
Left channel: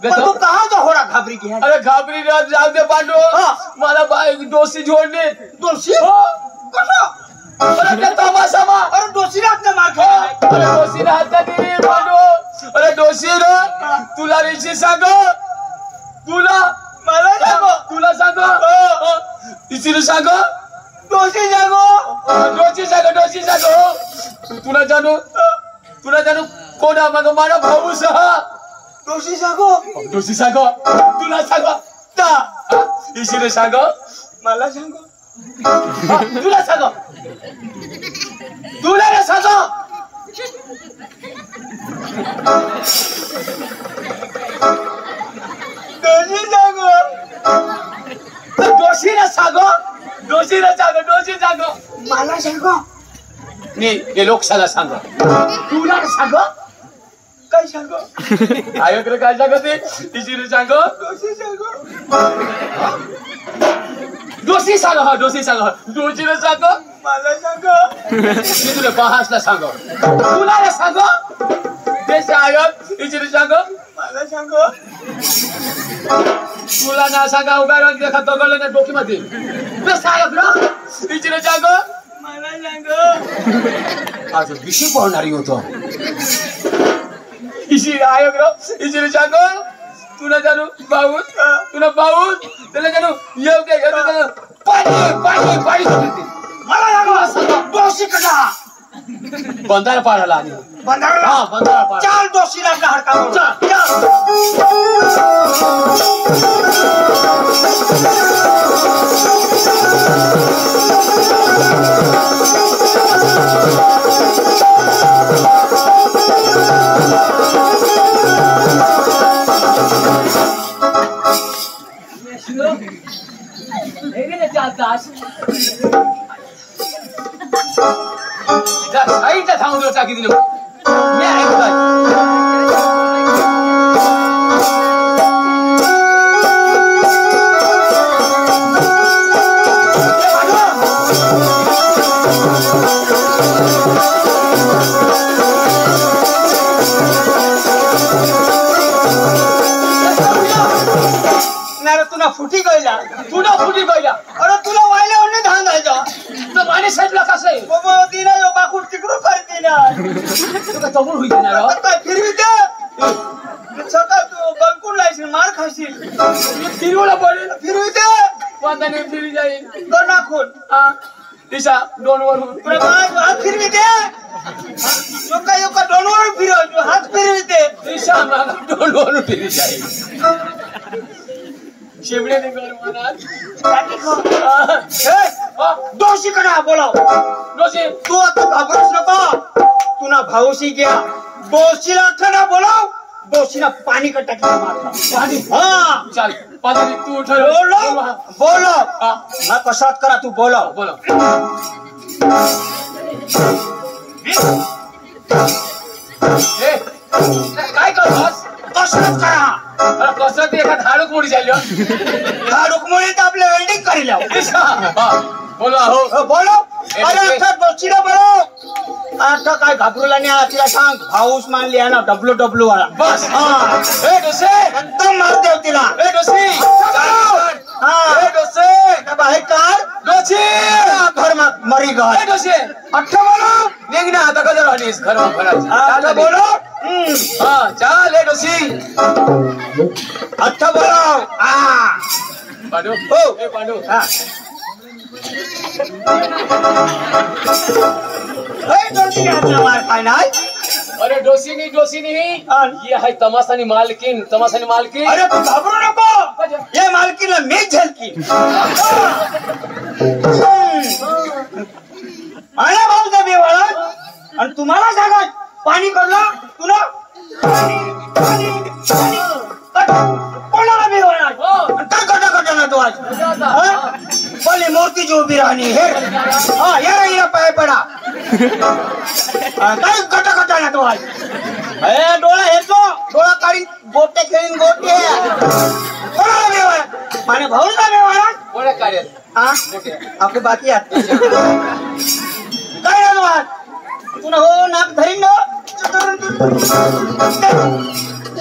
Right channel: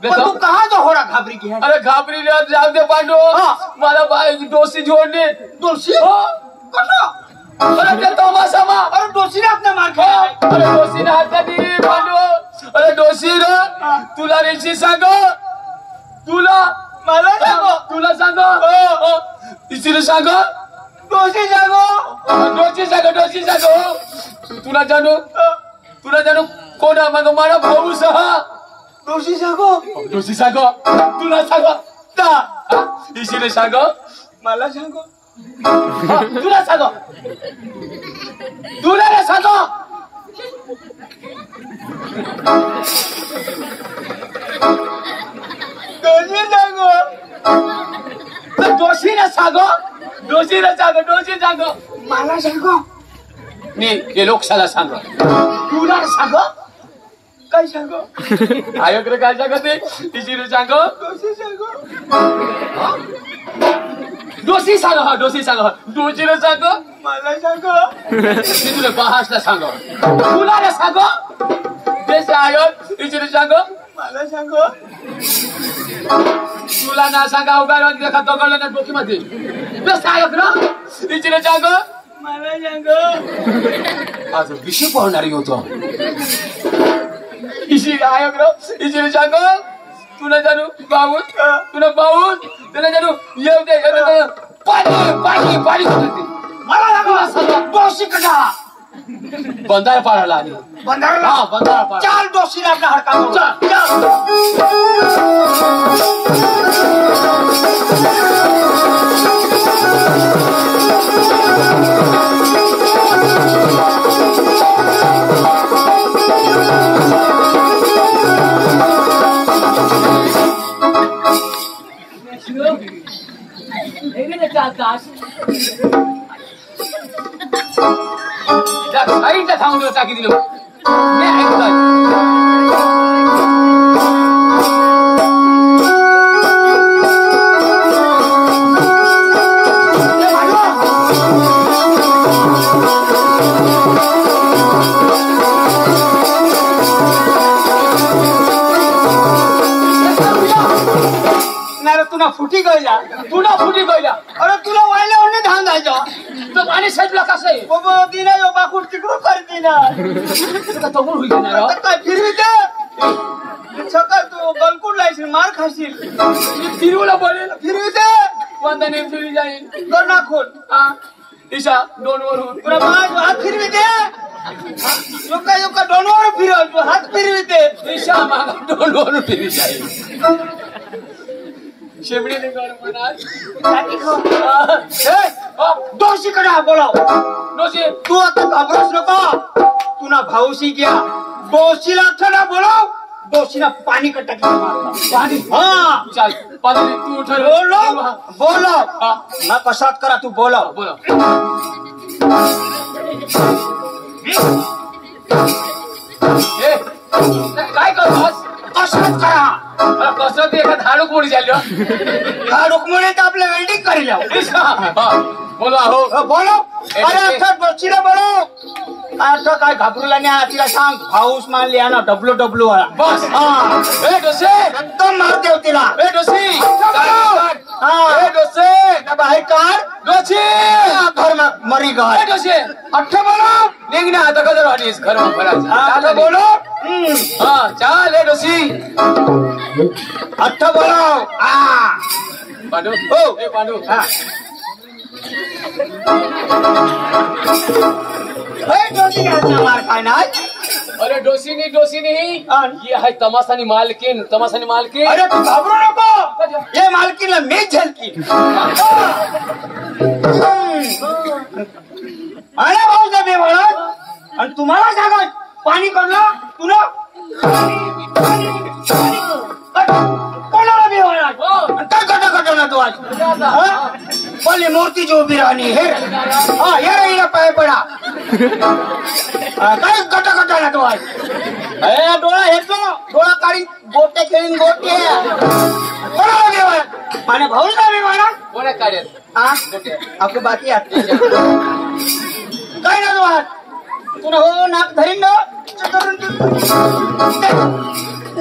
तू कहाँ जो हो रहा घाबरी की है अरे घाबरी जाऊ दे पांडू मला बायको दोषी जोडणे दोषी अरे तमाशा मा अरे दोषी ने अपने मार खाया अरे दोषी ने हात दिली पांडू अरे दोषी रे तुला रेची सांग तुला सांग इचिने सांग दोषी सांग तुला जाणू कोण मग मला भाऊ सह दोषी सांग तुला सांग इचिने सांग मला सांग तुला सांग दोषी सांग मला सांग मी हे लोकशाला सांग तुला सांग काय सांग आयोकडे काय सांगते इचिने सांग दोषी सांग दोषीला सांग मला सांग मी तुला बहासला सांग तुला सांग देश आयोग इचिने सांग मला सांग तुला ना सांगा उगार देखा तो गळला ना डोकीमध्ये देश आयोग ना इचिने सांग मला सांग आज विषय पाहणारी होतो इची आयोग ना इचिने सांग तुला जाणू भाऊ तुला जाणू येऊ दे पाणी मला सांग दोषी कसा बंधारा पाडायला आली बंधारा पाड चाल दोषीला आपला हडका साईडला सांगून टाकी दिली मी आहे काय तुला फुटी गईला अरे तुला वायला म्हणणे धान जायचं तो पाणी साईडला कसं आहे बाबा दिना बाकूड तिकडून करते ना तगून होईल ना काय फिरविते सकाळ तू बलकून लायशील मार खाशील फिरवला पडेल फिरविते वांदाने फिरी जाईल तो नाखून दिशा दोनवरून हात फिरविते योका दोनवर फिरवतो हात फिरविते दिशा मागा दोनवरून फिरी जाईल शेमडे दोषी कडे बोलाव दोषी तू आता घाबरूच नको तुला भाऊशी घ्या दोषीला थोडा बोलाव डोशीला पाणी कट्टा मारला पाणी हा चाल पाणी तू ठरव बोलो ना कशात करा तू बोलो बोला काय करतोस कसरत करा कसरत एखाद हाडूक मुडी झाली हा रुक्मिणी तर आपल्या वेल्डिंग करी बोला हो बोलो अरे आता डोशीला बोलो आता काय घाबरूला नाही तिला सांग हाऊस मानली आहे ना डब्ल्यू वाला बस हा डोसे एकदम मार देव तिला डोसी हा डोसे बाहेर कार डोसी घर मरी घर डोसे अठ्ठा बोलो निघ ना आता कधी राहणीस घर आता बोलो हा चाल डोसी अच्छा बोलो पांडू हो ए पांडू हा डोसी मार काय नाही अरे डोसी नहीं ये है तमाशानी मालकिन अरे तू घाबरू नको ये मालकीला मी झलकी मला भाऊ मी वळत आणि तुम्हाला सांगा पाणी काढलं तुला कोणाला बी वळत काय कटा ना तू आज बोले मूर्ती जी उभी राहणी हे हा या राहिला पाय पडा काय कटा ना तू आज डोळा हेचो डोळा काढी गोटे खेळीन गोटे कोणाला बी वळत माझ्या भाऊला बी वळत कोणे काढेल आपले बाकी आहेत काय ना तू आज तुला हो नाक धरीन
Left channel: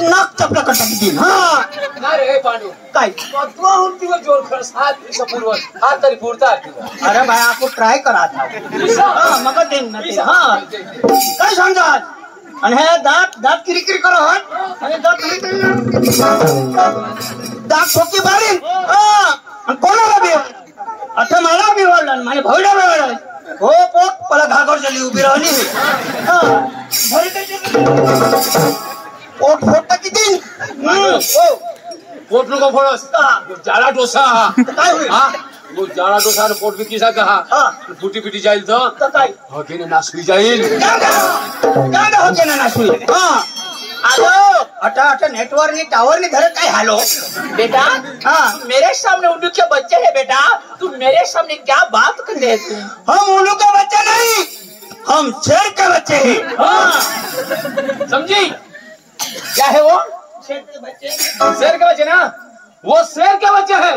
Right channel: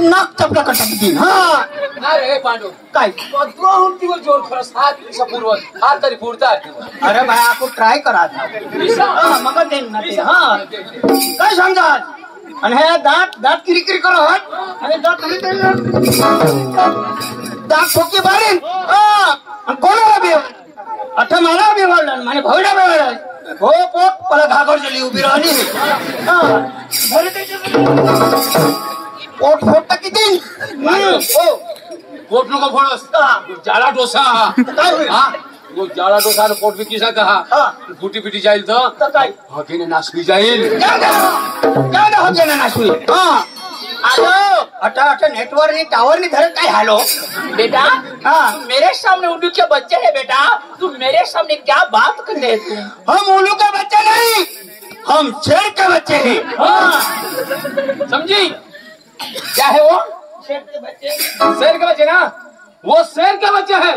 नाक चपला कटा किती हा ना रे पांडू काय तुला जोर खरस हात दिवसापूर्व हात तरी पुरता अरे भाई आपण ट्राय करा मग देईन ना ते हा काय सांगा आणि हे दात किरकिरी करा हट आणि दात ठोकी मारीन कोणाला बी आता मला बी बोलणार माझ्या भाऊला बोलणार हो पोट मला घागर झाली उभी राहिली पोट फोडता किती हो पोट नको फोडस जाडा डोसा काय होईल जाडा डोसा पोट बी किसा कहा फुटी पिटी जाईल तर काय हकीने नासवी जाईल नाशवी हा आलो अटा नेटवर्क ने टावर ने धर काय हालो बेटा हाँ मेरे सामने उल्लू के बच्चे है बेटा तू मेरे सामने क्या बात कर रहे थे हम उल्लू का बच्चा नहीं हम शेर के बच्चे हैं हाँ समझी क्या है वो शेर के बच्चे ना वो शेर के बच्चे हैं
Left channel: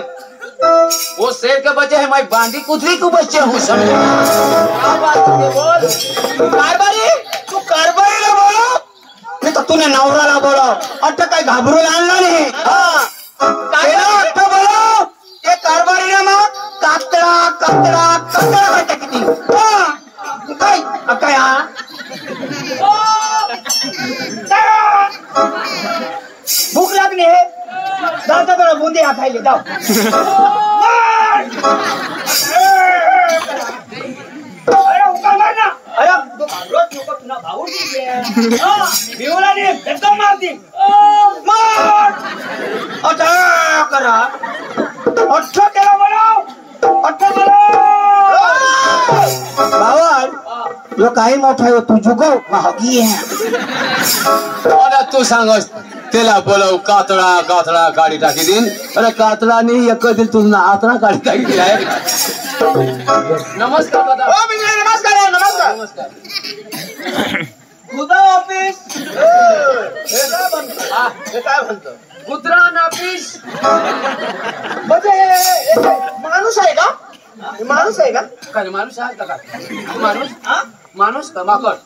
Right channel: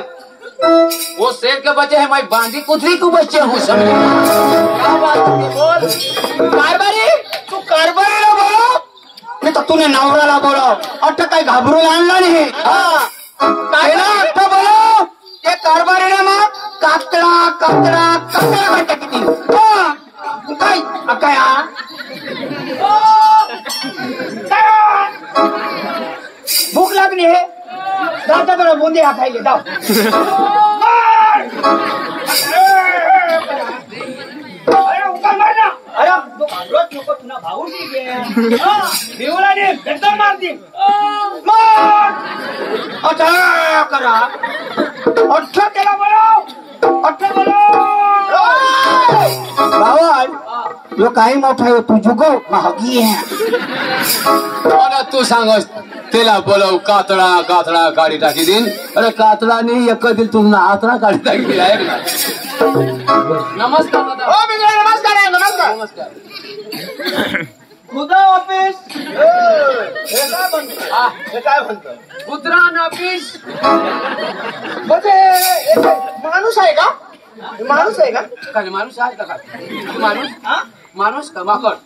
वो शेर के बच्चे हैं मैं बांदी कुतरी को बच्चे हूँ समझे क्या बात है बोल कारबारी तू कारबारी ना बोलो नहीं तो तूने नवराला बोलो अट्टा काय घाबरून आणला नाही बोलो ते कारबारी ना मग कातडा घट्टा किती काय काय भूक लागली हे जाता जरा बुंदी हा खायले जाऊ अरे उका मार ना अरे तू घाबरत नको तुला भाऊ भिवला ने एकदम मारती मार अच्छा करा अच्छा त्याला बोलो भावाड यो काही मोठा आहे तू जुगो महागी आहे तू सांगस त्याला बोलाव कातडा काढी टाकी देईन अरे कातडा नाही एक दिल तुला आतडा काढी टाकी दिला नमस्कार दादा नमस्कार खुदा ऑफिस काय म्हणतो कुत्रा ऑफिस म्हणजे माणूस आहे का काय माणूस आहे का काय माणूस का माकड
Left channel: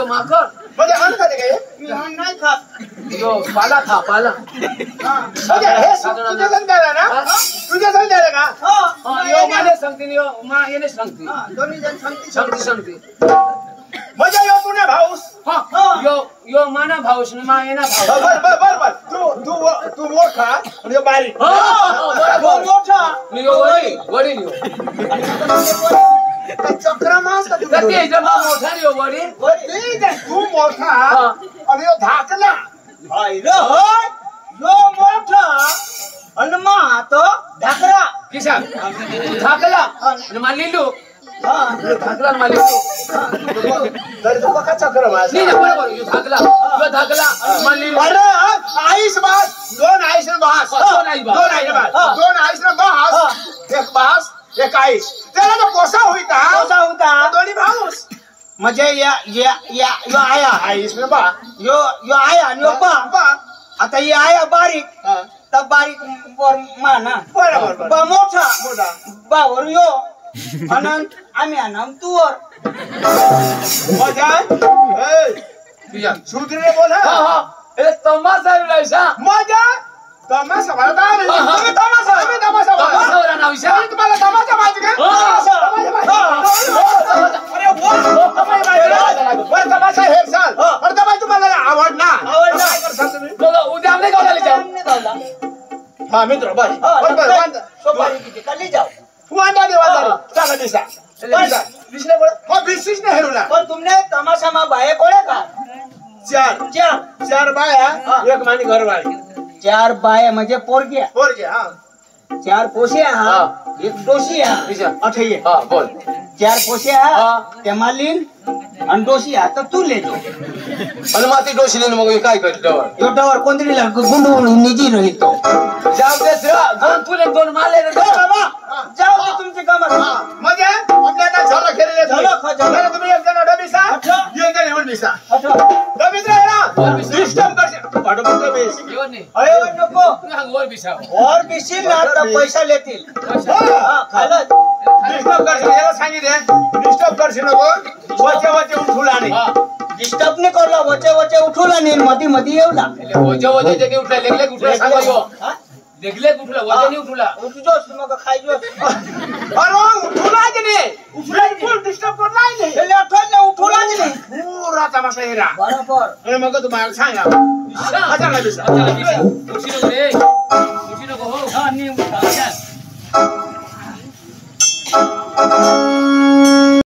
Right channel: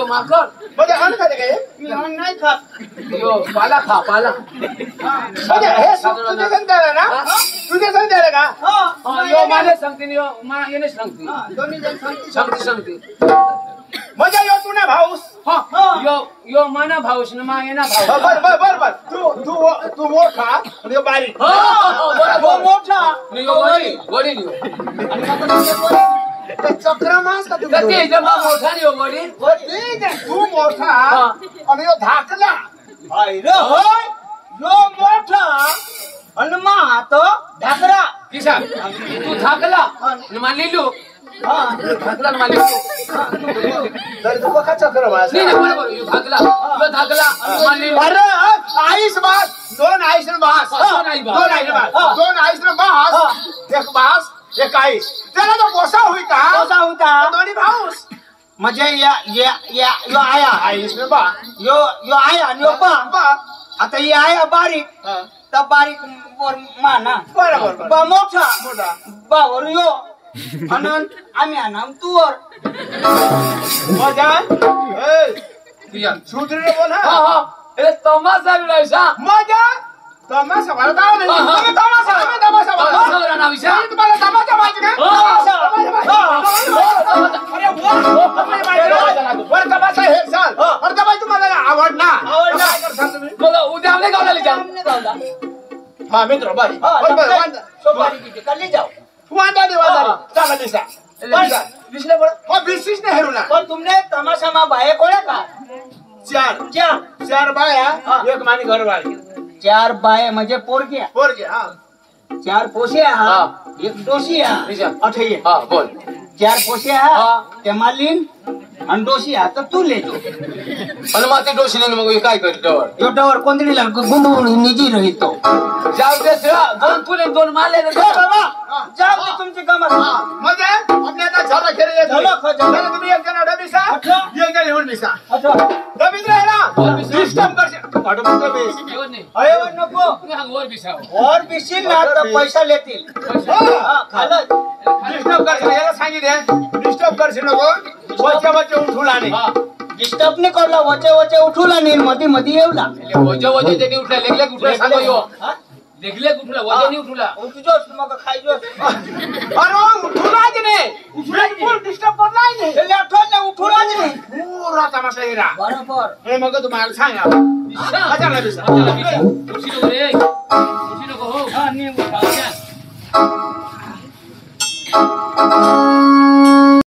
माकड म्हणजे अन्न खाते का नाही खात यो पाला खा पाला तुझ्या संध्याला ना तुझ्या संध्याला का यो माने सांगते यो मा येणे सांगते दोन्ही जण सांगते म्हणजे यो तुने भाऊस यो माना भाऊस ना मा येना भाऊस बर तू मोठा आणि यो बारीक मोठा यो वडील चक्रा मास का तू मोठा यो वडील तू मोठा आणि यो धाकला यो मोठा आणि मा तो ढाकरा किसा तू धाकला आणि मा लिलू धाकला मालिक तरी तो का चक्र वाज नाही बरोबर धाकला मालिक आईस बास दोन आईस बास दोन आई बा दोन आईस बास एक बास एक आईस त्याला तो पोसा होई का दोन्ही भाऊस म्हणजे या आया आईस बा यो आया आणि यो बा आता ही आया बारीक तर बारीक वर माना बरोबर मोठा बा वर यो अनंत आम्ही अनंत तू वर मजा सुधरे बोल ए तमाशा रायसा मजा तमाशा मला काय नाही तमाशा नाव विषय तुम्हाला तमाशा माहिती का अरे वर तमाशा हे साल वर तमाशा मला आवडला बघा उद्या आम्ही गावला जाऊ हा मित्र बस सोपारी किती कल्ली जाऊ वादारी चला दिसा विसले बरं हो बिस्सिस ने हेरूला पण तुमने तमाशा मा बाये कोळ्या का चार बाया एक मानी घरवाली 4 बाये म्हणजे पोरगी पोर घे हा 4 पोशिया हा एक डोशिया अठे हा बोल 4 पोशिया हा ते मालिन आणि डोशिया तर तू लेतो आणि माती डोशीने मग काय कर डवर योटावर कोणतरी गुंडून निजी रहितो जाऊ दे दोन तुले दोन माले बाबा जाऊ दे तुमची कामं म्हणजे आपल्याला झाला खेळले झालं तुम्ही एक जण डबीसा एक जण हेऊन बिसा अच्छा डबीत राहिला डिस्टर्ब करशील पाठो म्हणतो बेस येऊन नाही अरे नको वर बिसाव और बिशील ना तर पैसा लेतील खालच डिस्टर्ब करशील याला सांगितले डिस्टर्ब करशील नको वचे उठूला नाही डिस्टर्ब नाही करला वचे उठूला नाही मधी येऊला वजे ते उठला लेगले उठला सांगो यो लेगले उठला वजे नाही उठला उठजोस मग खायजोस अरे उठूला की नाही उठला फुल डिस्टर्ब करला नाही पहिले आठवण उठूला नाही पुरा तमाशा हिरा बरोबर मग तुम्हाला सांगा उठशी रे